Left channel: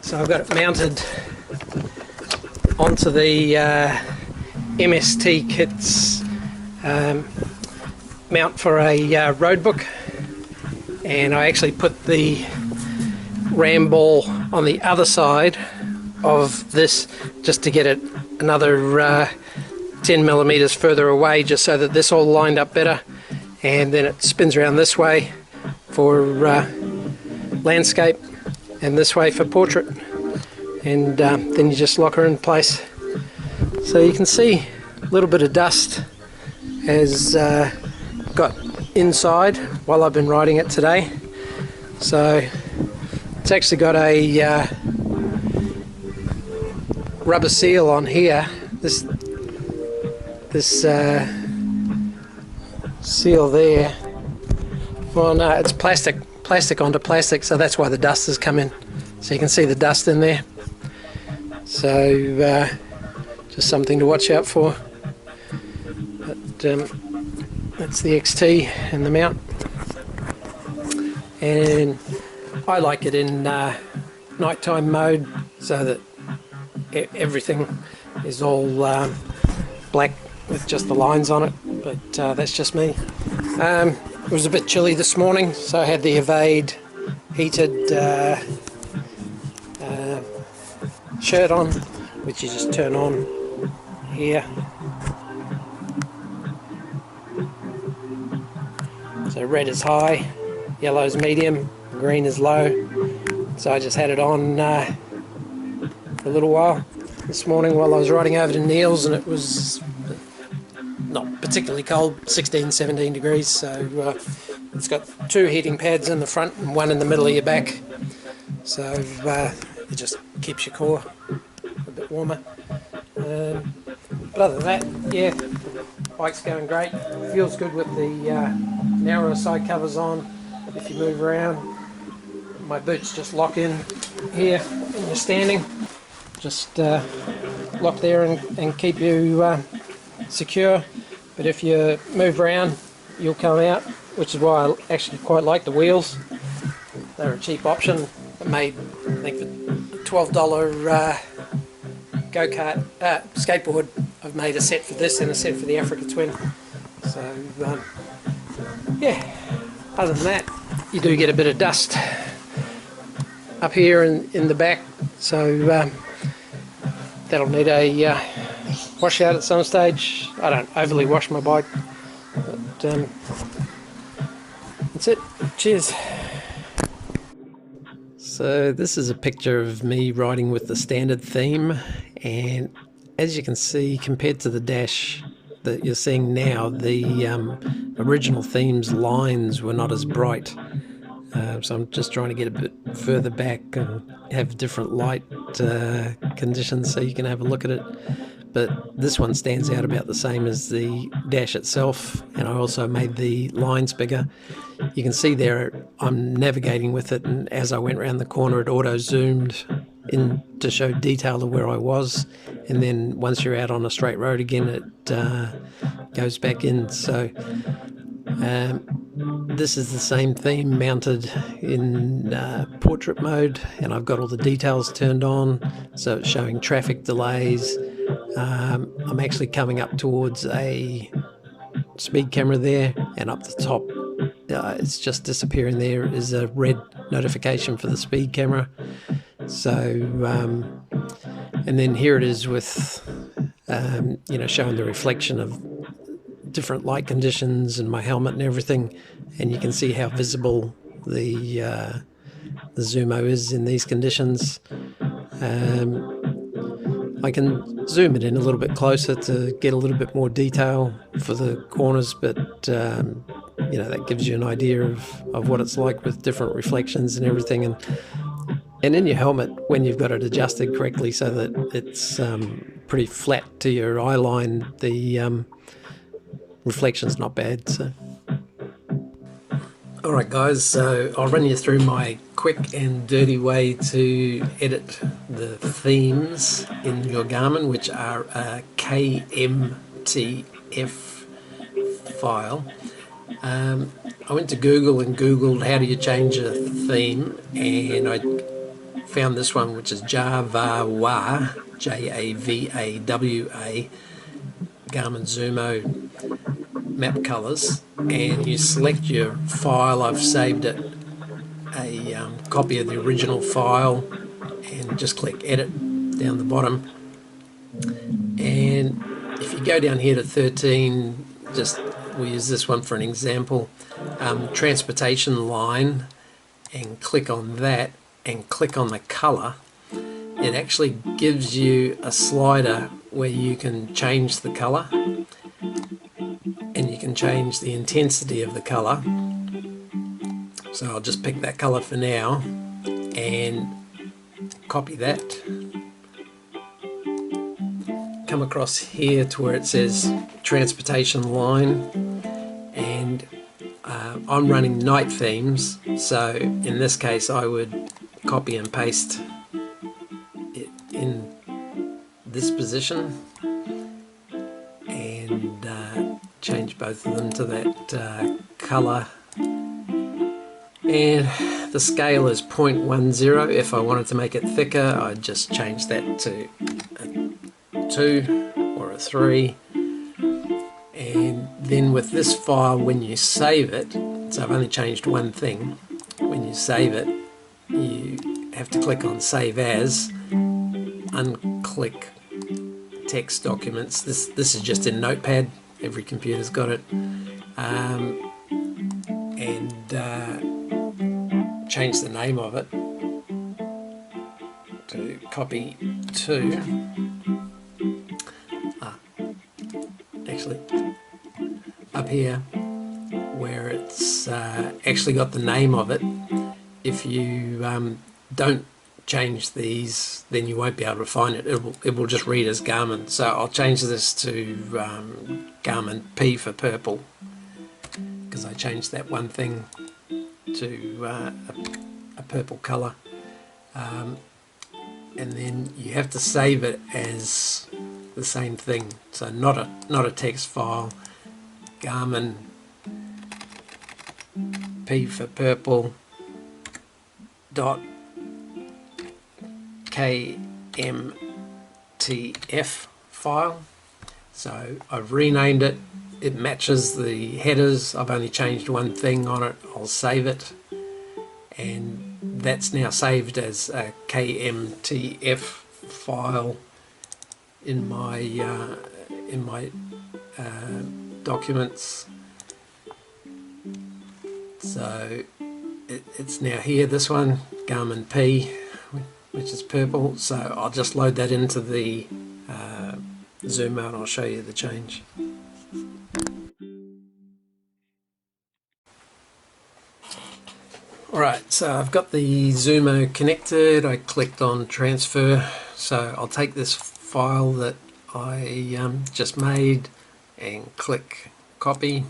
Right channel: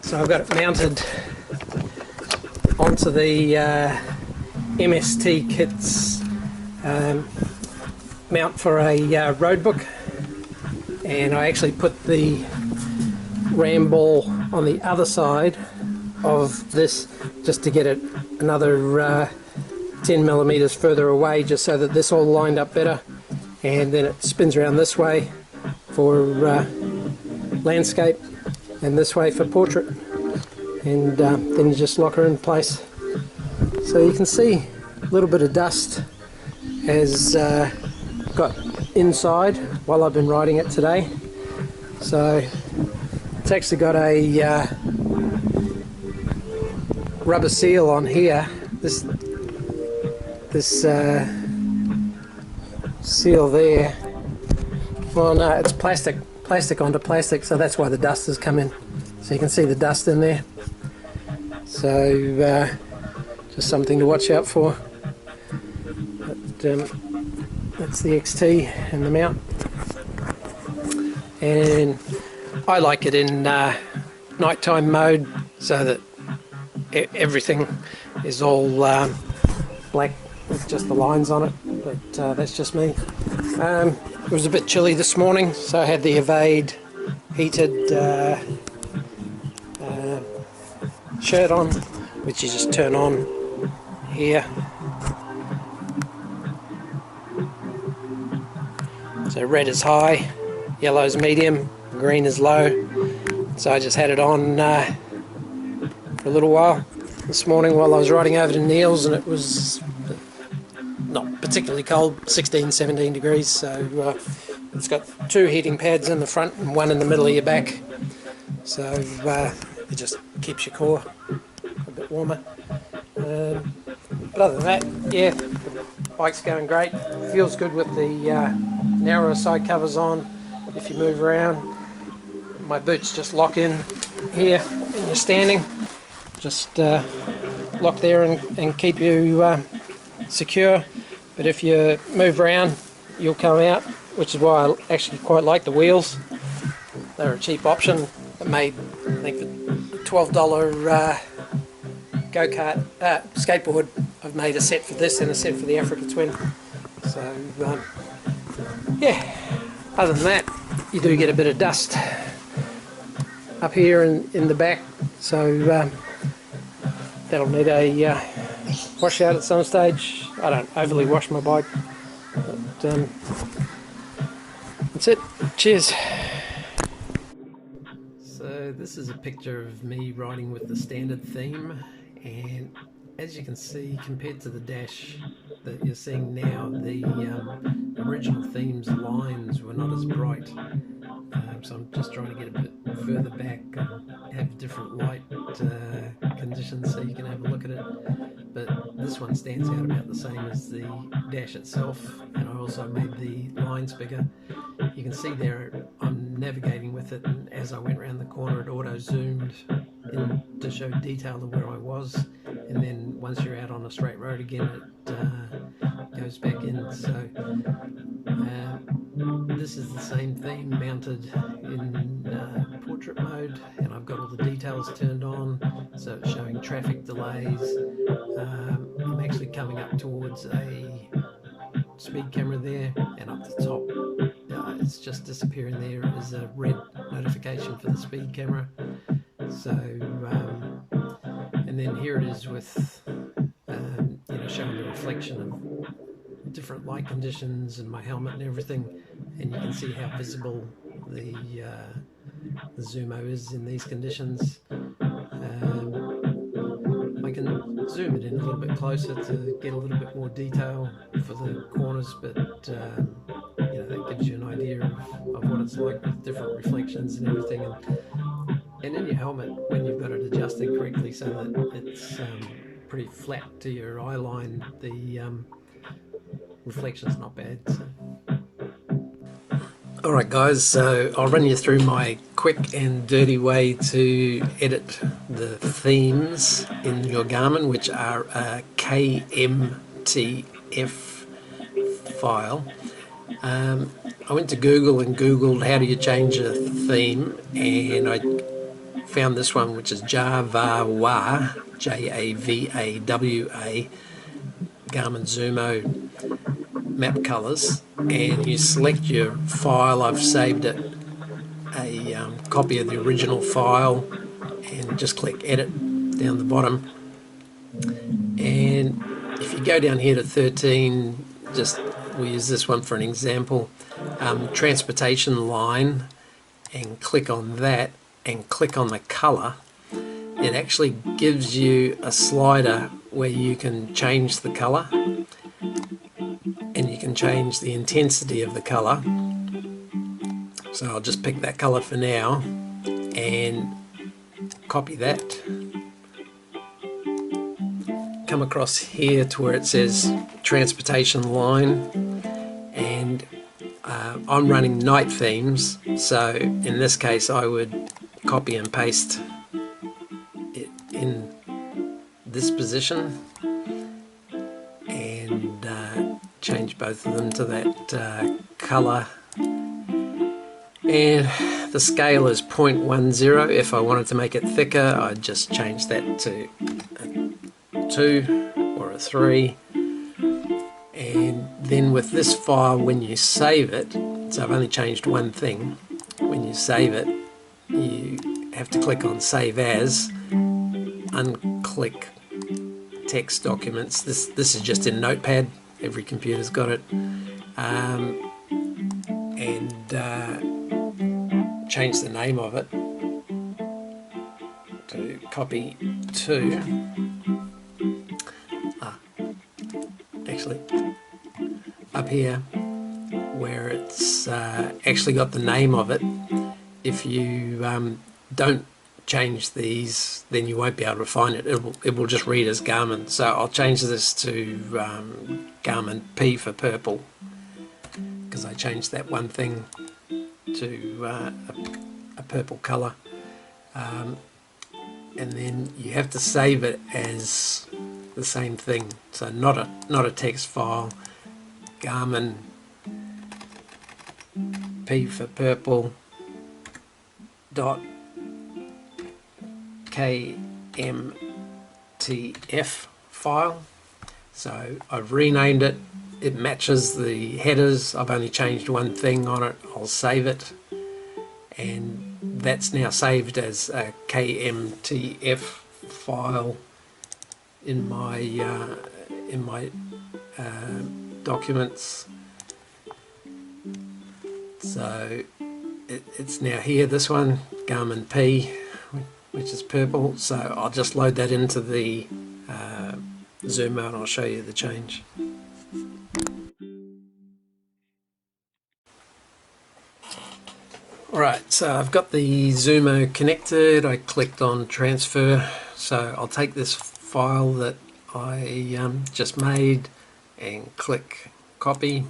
so I've got it mounted onto the MST Kit's mount for a road book, and I actually put the ram ball on the other side of this just to get it another 10 millimeters further away, just so that this all lined up better, and then it spins around this way for landscape and this way for portrait, and then you just lock her in place. So you can see a little bit of dust has got inside while I've been riding it today. So it's actually got a rubber seal on here. This seal there. Well, no, it's plastic onto plastic, so that's why the dust has come in. So you can see the dust in there. So just something to watch out for. But that's the XT and the mount. And I like it in nighttime mode, so that everything is all black with just the lines on it, but that's just me. It was a bit chilly this morning, so I had the Evade heated shirt on, which you just turn on here. So red is high, yellow is medium, green is low. So I just had it on for a little while this morning while I was riding over to Neil's, and it was not particularly cold, 16, 17 degrees. So it's got 2 heating pads in the front and 1 in the middle of your back. So it just keeps your core a bit warmer. But other than that, yeah, the bike's going great. Feels good with the narrower side covers on. If you move around, my boots just lock in here and you're standing. Just lock there and keep you secure. But if you move around, you'll come out, which is why I actually quite like the wheels. They're a cheap option. I made, I think, for $12 go-kart skateboard, I've made a set for this and a set for the Africa Twin. So yeah, other than that, you do get a bit of dust up here in the back, so that'll need a wash out at some stage. I don't overly wash my bike, but that's it. Cheers. So this is a picture of me riding with the standard theme, and as you can see, compared to the dash that you're seeing now, the original theme's lines were not as bright. So I'm just trying to get a bit further back and have different light conditions so you can have a look at it. But this one stands out about the same as the dash itself, and I also made the lines bigger. You can see there I'm navigating with it, and as I went around the corner it auto-zoomed in to show detail of where I was, and then once you're out on a straight road again it goes back in. So this is the same theme mounted in portrait mode, and I've got all the details turned on, so it's showing traffic delays. I'm actually coming up towards a speed camera there, and up the top it's just disappearing. There is a red notification for the speed camera. So and then here it is with you know, showing the reflection of different light conditions and my helmet and everything, and you can see how visible the Zumo is in these conditions. I can zoom it in a little bit closer to get a little bit more detail for the corners, but you know, that gives you an idea of what it's like with different reflections and everything. And in your helmet, when you've got it adjusted correctly so that it's pretty flat to your eye line, the reflection's not bad. So. Alright guys, so I'll run you through my quick and dirty way to edit the themes in your Garmin, which are a KMTF file. I went to Google and Googled how do you change a theme, and I found this one, which is Javawa, Javawa, Garmin Zumo map colors, and you select your file. I've saved it, a copy of the original file, and just click edit down the bottom. And if you go down here to 13, just we'll use this one for an example, transportation line, and click on that and click on the color, it actually gives you a slider where you can change the color and you can change the intensity of the color. So I'll just pick that color for now and copy that, come across here to where it says transportation line, and I'm running night themes, so in this case I would copy and paste it in this position and change both of them to that color. And the scale is 0.10. If I wanted to make it thicker, I'd just change that to a 2 or a 3. And then with this file, when you save it, so I've only changed one thing, when you save it, you have to click on Save As, unclick Text Documents. This is just in Notepad, every computer's got it, and change the name of it to copy to, actually up here where it's actually got the name of it. If you don't change these, then you won't be able to find it. It will just read as Garmin. So I'll change this to Garmin P for purple, because I changed that one thing to a purple color, and then you have to save it as the same thing, so not a text file. Garmin P for purple dot KMTF file. So I've renamed it. It matches the headers. I've only changed one thing on it. I'll save it, and that's now saved as a KMTF file in my documents. So it's now here, this one, Garmin P, which is purple. So I'll just load that into the Zumo and I'll show you the change. Alright, so I've got the Zumo connected. I clicked on transfer, so I'll take this file that I just made and click copy,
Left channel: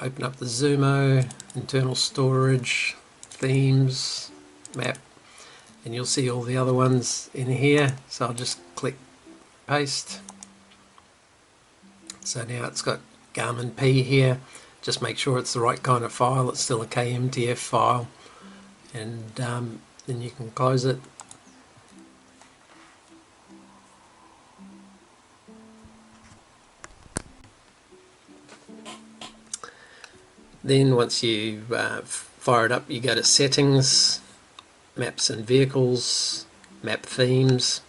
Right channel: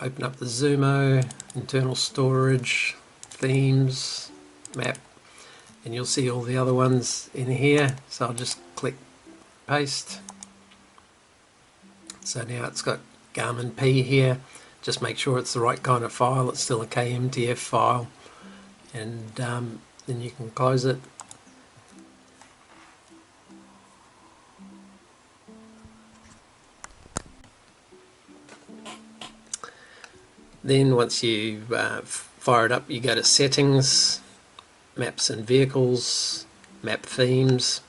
open up the Zumo, internal storage, themes, map, and you'll see all the other ones in here. So I'll just click paste. So now it's got Garmin P here. Just make sure it's the right kind of file. It's still a KMTF file, and then you can close it. Then once you fire it up, you go to settings, maps and vehicles, map themes,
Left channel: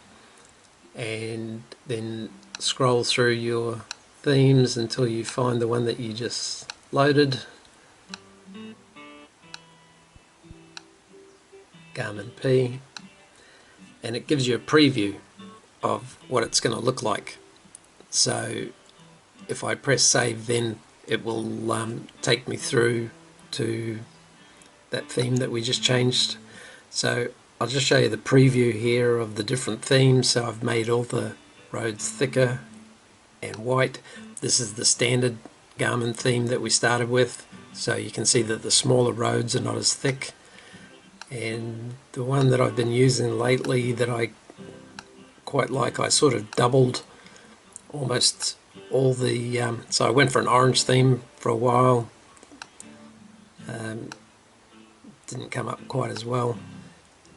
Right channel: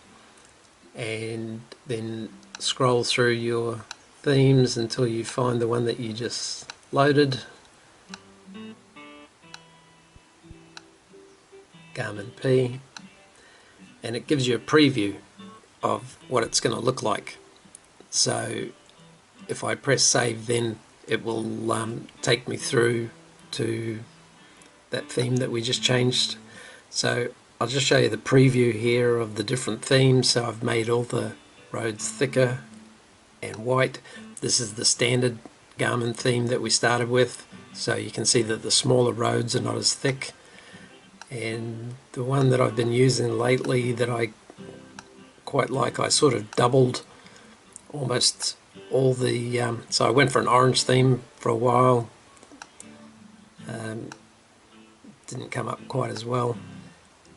and then scroll through your themes until you find the one that you just loaded. Garmin P, and it gives you a preview of what it's going to look like. So if I press save, then it will take me through to that theme that we just changed. So I'll just show you the preview here of the different themes. So I've made all the roads thicker and white. This is the standard Garmin theme that we started with, so you can see that the smaller roads are not as thick. And the one that I've been using lately that I quite like, I sort of doubled almost all the so I went for an orange theme for a while, Didn't come up quite as well.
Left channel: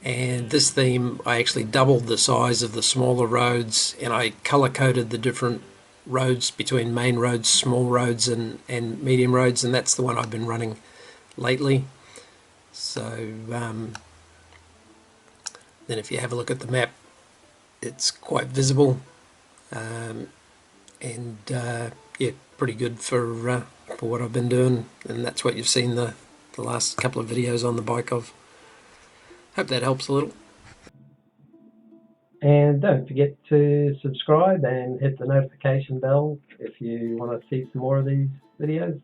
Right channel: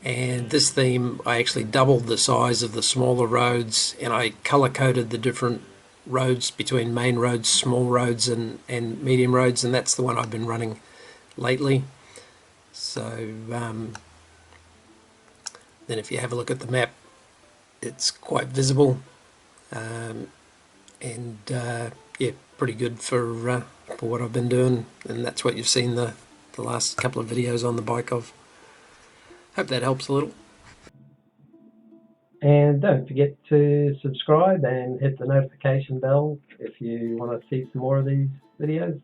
And this theme, I actually doubled the size of the smaller roads, and I color coded the different roads between main roads, small roads, and medium roads, and that's the one I've been running lately. So then if you have a look at the map, it's quite visible, and yeah, pretty good for what I've been doing, and that's what you've seen the last couple of videos on the bike of. Hope that helps a little. And don't forget to subscribe and hit the notification bell if you want to see some more of these videos.